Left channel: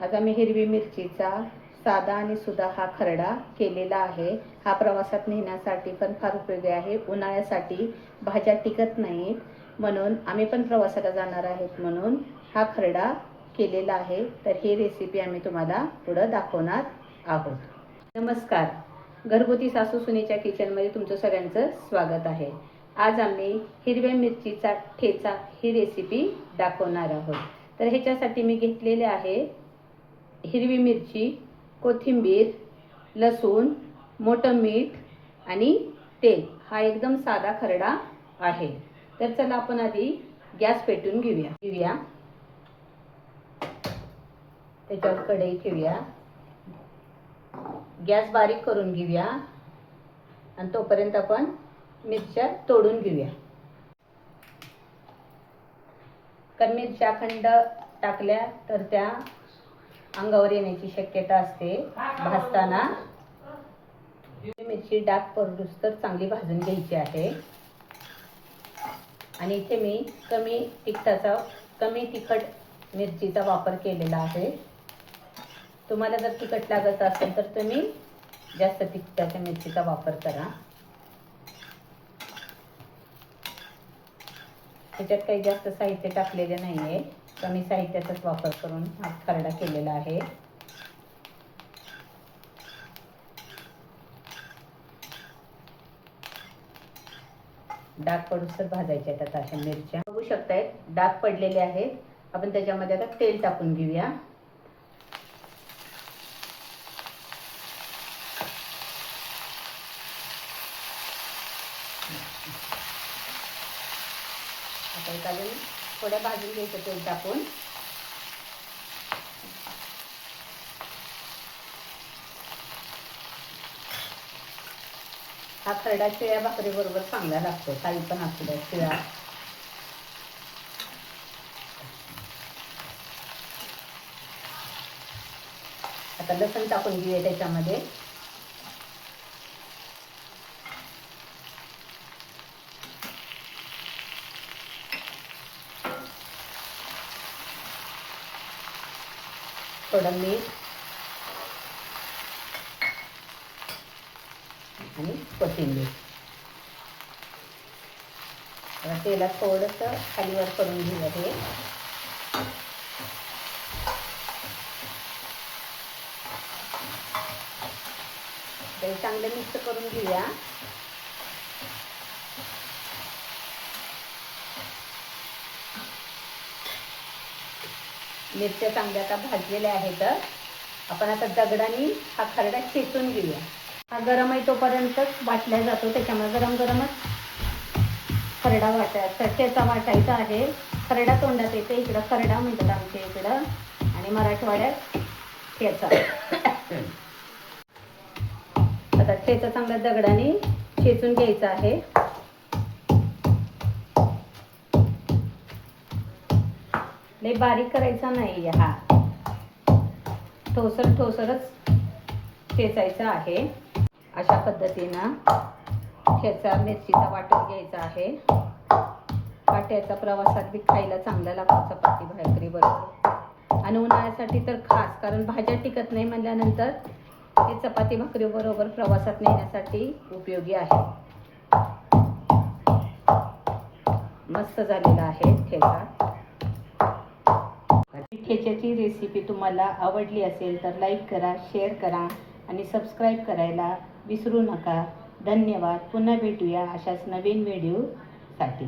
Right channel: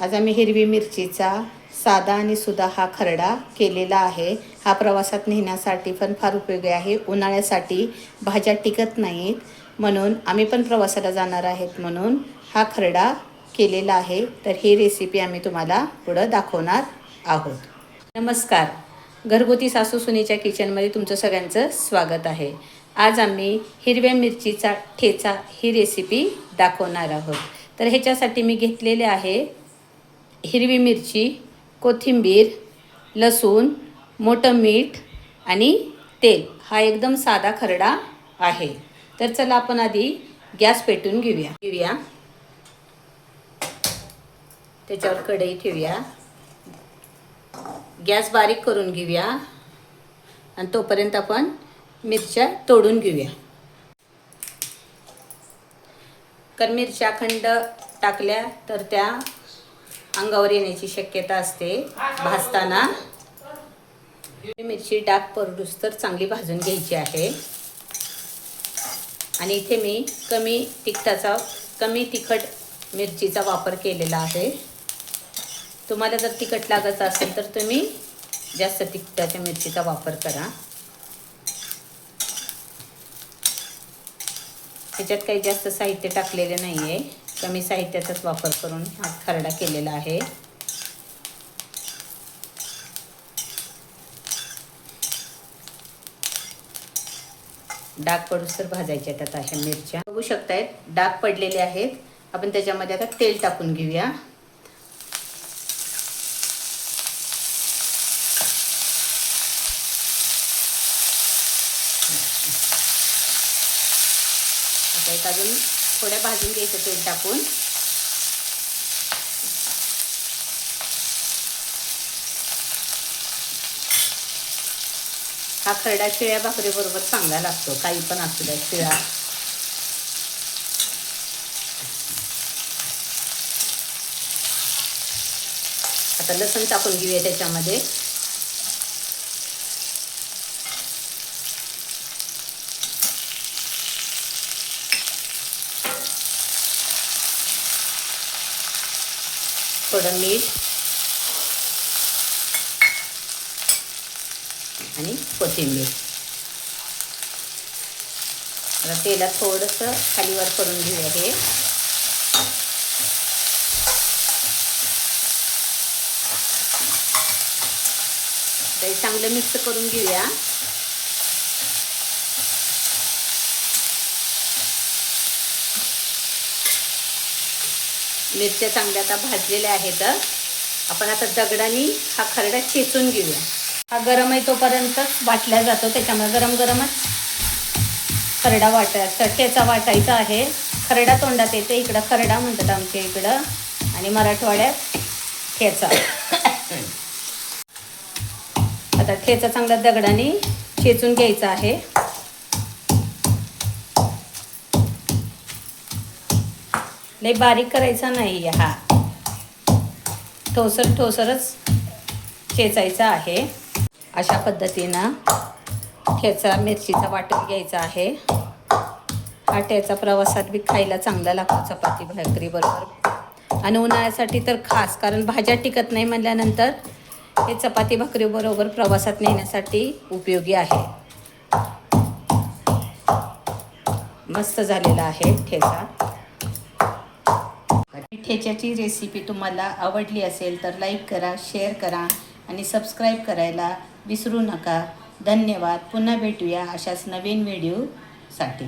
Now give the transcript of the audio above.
आज आम्ही हिरवी मिरचीचा साधा आणि सुधा हा खरडा केलेला आहे। हा प्रवासात नेण्यासाठी पण फार उपयोगी आहे। उन्हाळ्यासाठी भाज्या टिकत नाहीत म्हणून आम्ही पण प्रवासाला जाणार आहेत म्हणून हा खरडा केलेला आहे। तर ही रेसिपी आम्ही तुम्हाला पुढे दाखवणार आहोत। नमस्कार, घरगुती सासू सुनेच्या किचनमध्ये तुमचं सगळ्यांचं स्वागत आहे। आज आम्ही हिरव्या मिरचीचा ठेचा ही रेसिपी दाखवणार आहोत। तर ह्याच्यासाठी मी घेतलेले आहे हिरवी मिरची, कोथिंबीर, लसूण, मोठं मीठ आणि तेल। हा एकदम साधा खरडा आहे। तर चला आपण आधी गॅस पेटवून घेऊया। त्याच्यावर कढई ठेवूया, गॅस बारीक करून घेऊया आणि तोपर्यंत आपण मिरच्या तोडून घेऊया। कारण मिरच्या अखंड टाकल्या तर त्या अंगावर येण्याची शक्यता असते भाजताना। मिरची डाग पडूस तर चांगली भाजून घ्यायची आहे। आणि इथे मी कमी तिखट मिरचीचा वापर केलेला आहे। तुम्हाला जर तिखट लागत असेल तर तुम्ही जास्त तिखटाच्या मिरचीचा वापर करा। त्याच्यात काही जास्त साहित्य टाकलेले नाही आहे, कमी साहित्याचाच वापर करून हा खरडा केलेला आहे। डाग पडूस तर भाजायच्या त्यात अशा मिरच्या बघू शकताय, डाग पडलेले आहेत। आपण त्याच्यामध्ये आता तेल टाकून घेऊया। आता अजून थोड्या भाजून घ्यायचं तेल टाकून। हा खरडा शिळ्या भाकरी बरोबर चांगला लागतो, काही पण असू द्या शिळा। आता लसूण टाकून घेऊया त्याच्यामध्ये। थोडं मीठ आणि कोथिंबीर। आता तेलात थोडंसं खालीवर करून घेऊया हे। ते चांगलं मिक्स करून घेऊया। मिरच्या चांगल्या आता भाजलेल्या आहेत। आपण आता दगडाने हा खरडा चेचून घेऊया। हा गरम आहे तोपर्यंतच वाटला जातो, त्याच्यामुळे गरम गरमच खरडा ठेचा वाटायचा आहे। खरडा तोंडात येते, इकडं खरडा म्हणतात आमच्या इकडं आणि मराठवाड्यात ठेचा। आता ठेचा चांगला दगडाने चेचून घ्यायचा आहे। लय बारीक करायचा नाही, हा ठोसरच चेचायचा आहे। अशा पद्धतीनं ठेचा मिरचीचा वाटून घ्यायचा आहे। हा ठेचा प्रवासात बी खायला चांगला लागतो चपाती भाकरी बरोबर आणि उन्हाळ्यासाठी तर खास, कारण भाज्या टिकत नाही म्हणल्यानंतर हे चपाती भाकरी बरोबर प्रवासात नेण्यासाठी उपयोगी आहे। मस्त झालेला आहे ठेचा। ठेच्याची रेसिपी तुम्हाला आवडली असेल तर लाईक करा, शेअर करा आणि सबस्क्राईब करायला विसरू नका। धन्यवाद। पुन्हा भेटूया अशाच नवीन व्हिडिओसाठी।